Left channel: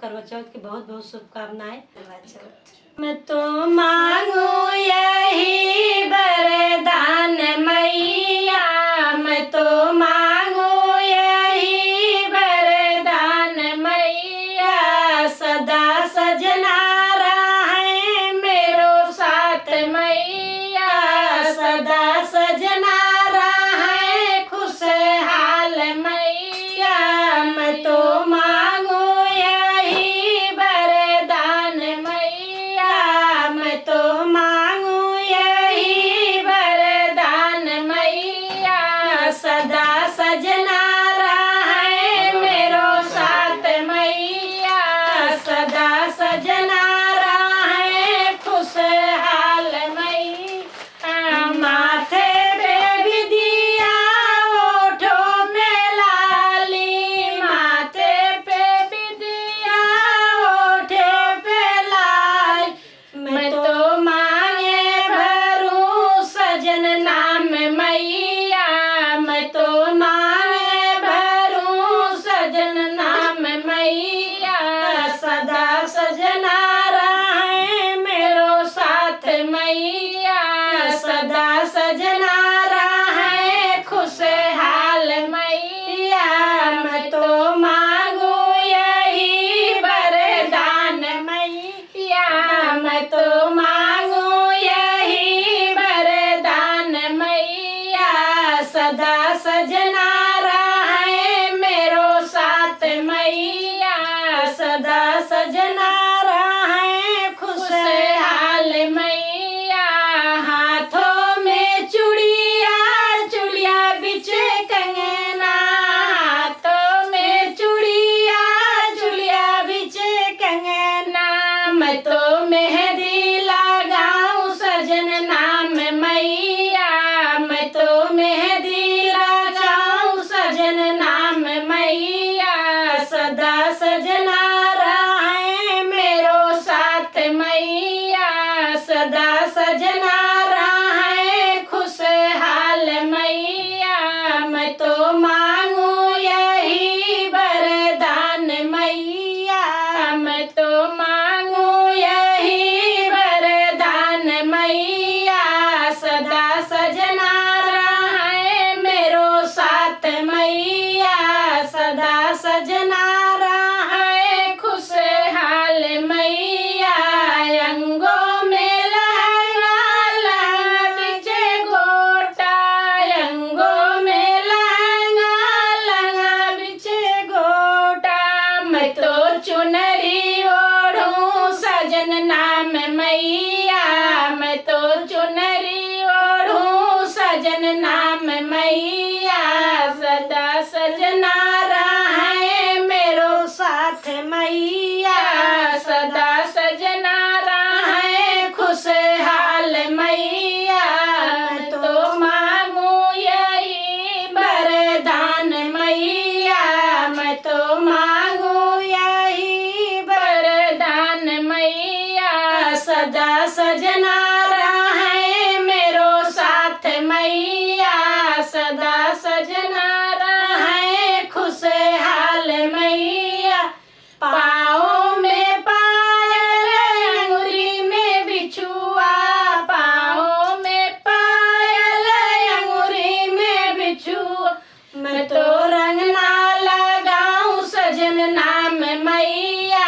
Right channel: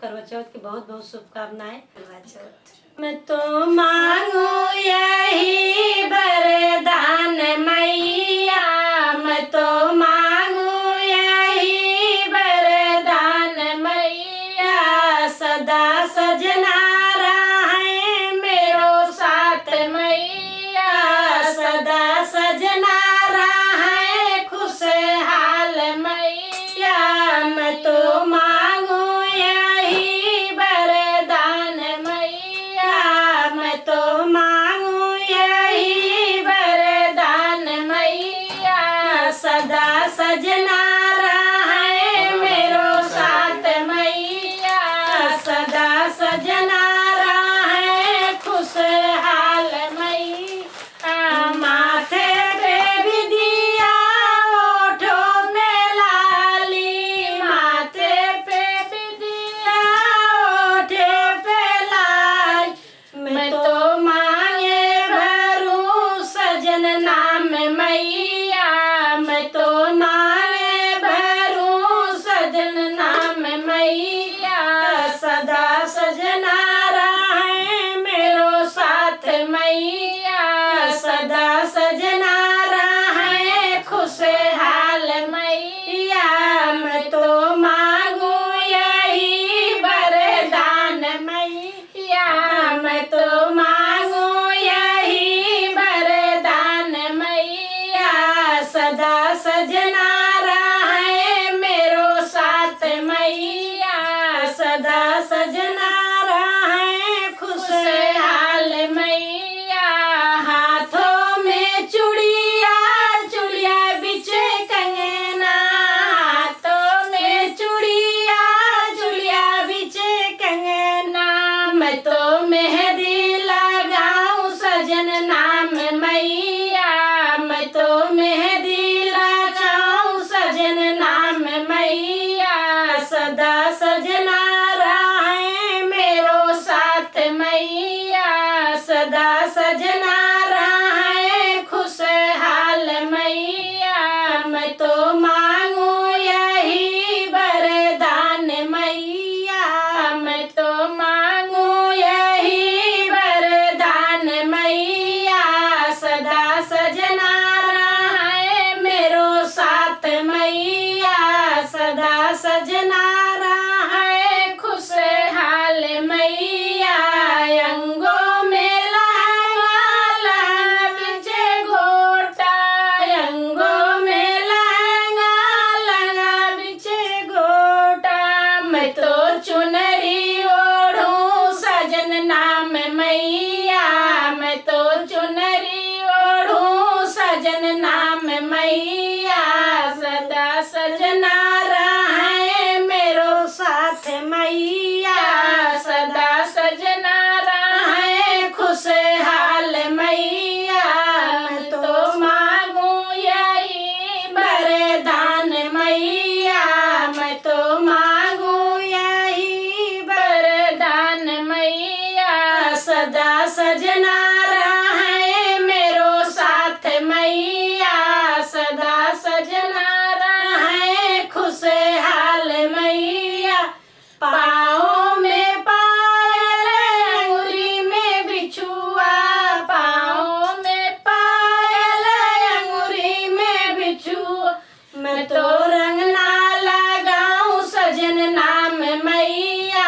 करवा चौथ की बहुत बहुत शुभकामनाएं। करवा चौथ मैं तो मांगू यही वरदान मैया, मैं तो मांगू यही वरदान मैया, सदा सजना रहे मेरो साथ मैया, सदा सजना रहे खुशहाल मैया, मैं तो मांगू यही वरदान मैया, मैं तो मांगू यही वरदान मैया, सदा सजना रहे मेरो साथ मैया, सदा सजना रहे खुशहाल मैया, माथे पे भी दिया ओठों में लाली, माथे पे भी दिया ओठे पे लाल, मैं तो मांगे भरूं सजन नाम मैया, मैं तो मांगे भरूं सजन नाम मैया, सदा सजना रहे मेरो साथ मैया, सदा सजना रहे खुशहाल मैया, मैं तो मांगू यही वरदान मैया, मैं तो मांगू यही वरदान मैया, सदा सजना रहे मेरो साथ मैया, सदा सजना रहे खुशहाल मैया, हाथों में चूड़िया चूड़िया बिचे कंगना, हाथों में चूड़िया चूड़िया बिचे कंगना, मैं तो मेहंदी लगाऊं सजन नाम मैया, मैं तो मेहंदी लगाऊं सजन नाम मैया, सदा सजना रहे मेरो साथ मैया, सदा सजना रहे खुशहाल मैया, मैं तो मांगू यही वरदान मैया, मैं तो मांगू यही वरदान मैया, सदा सजना रहे मेरो साथ मैया, सदा सजना रहे खुशहाल मैया, अंगों में लहंगा लहंगा बिचे गोटा, अंगों में लहंगा लहंगा बिचे गोटा, मैं तो चुनरी ओढ़ूं सजन नाम मैया, मैं तो चुनरी ओढ़ूं सजन नाम मैया, सदा सजना रहे मेरो साथ मैया, सदा सजना रहे खुशहाल मैया, मैं तो मांगू यही वरदान मैया, मैं तो मांगू यही वरदान मैया, सदा सजना रहे मेरो साथ मैया, सदा सजना रहे खुशहाल मैया, पाँव में पायल अंगुरी में बिछुआ, पाँव में पायल अंगुरी में बिछुआ, मैं तो रंग ना लगाऊं सजन नाम मैया,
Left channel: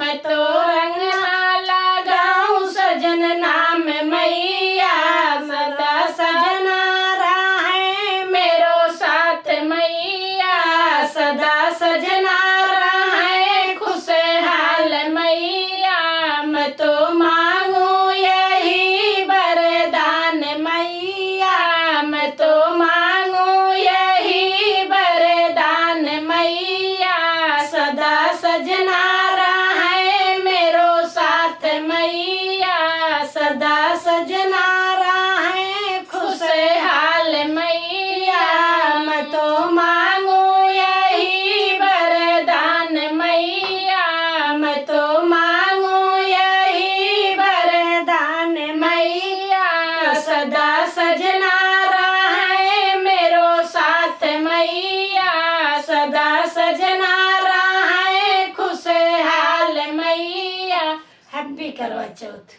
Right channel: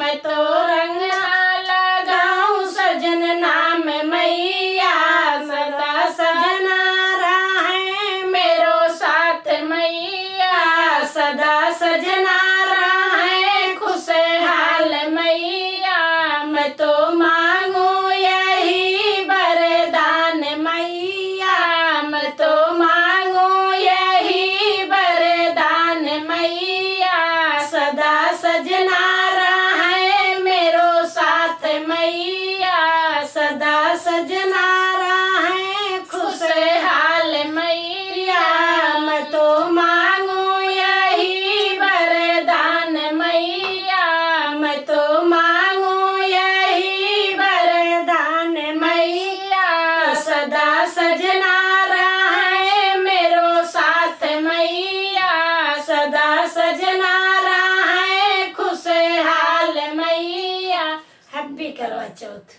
मैं तो रंग ना लगाऊं सजन नाम मैया, सदा सजना रहे मेरो साथ मैया, सदा सजना रहे खुशहाल मैया, मैं तो मांगू यही वरदान मैया, मैं तो मांगू यही वरदान मैया, सदा सजना रहे मेरो साथ मैया, सदा सजना रहे खुशहाल मैया, मैं तो मांगू यही वरदान मैया, मैं तो मांगू यही हैप्पी करवा चौथ।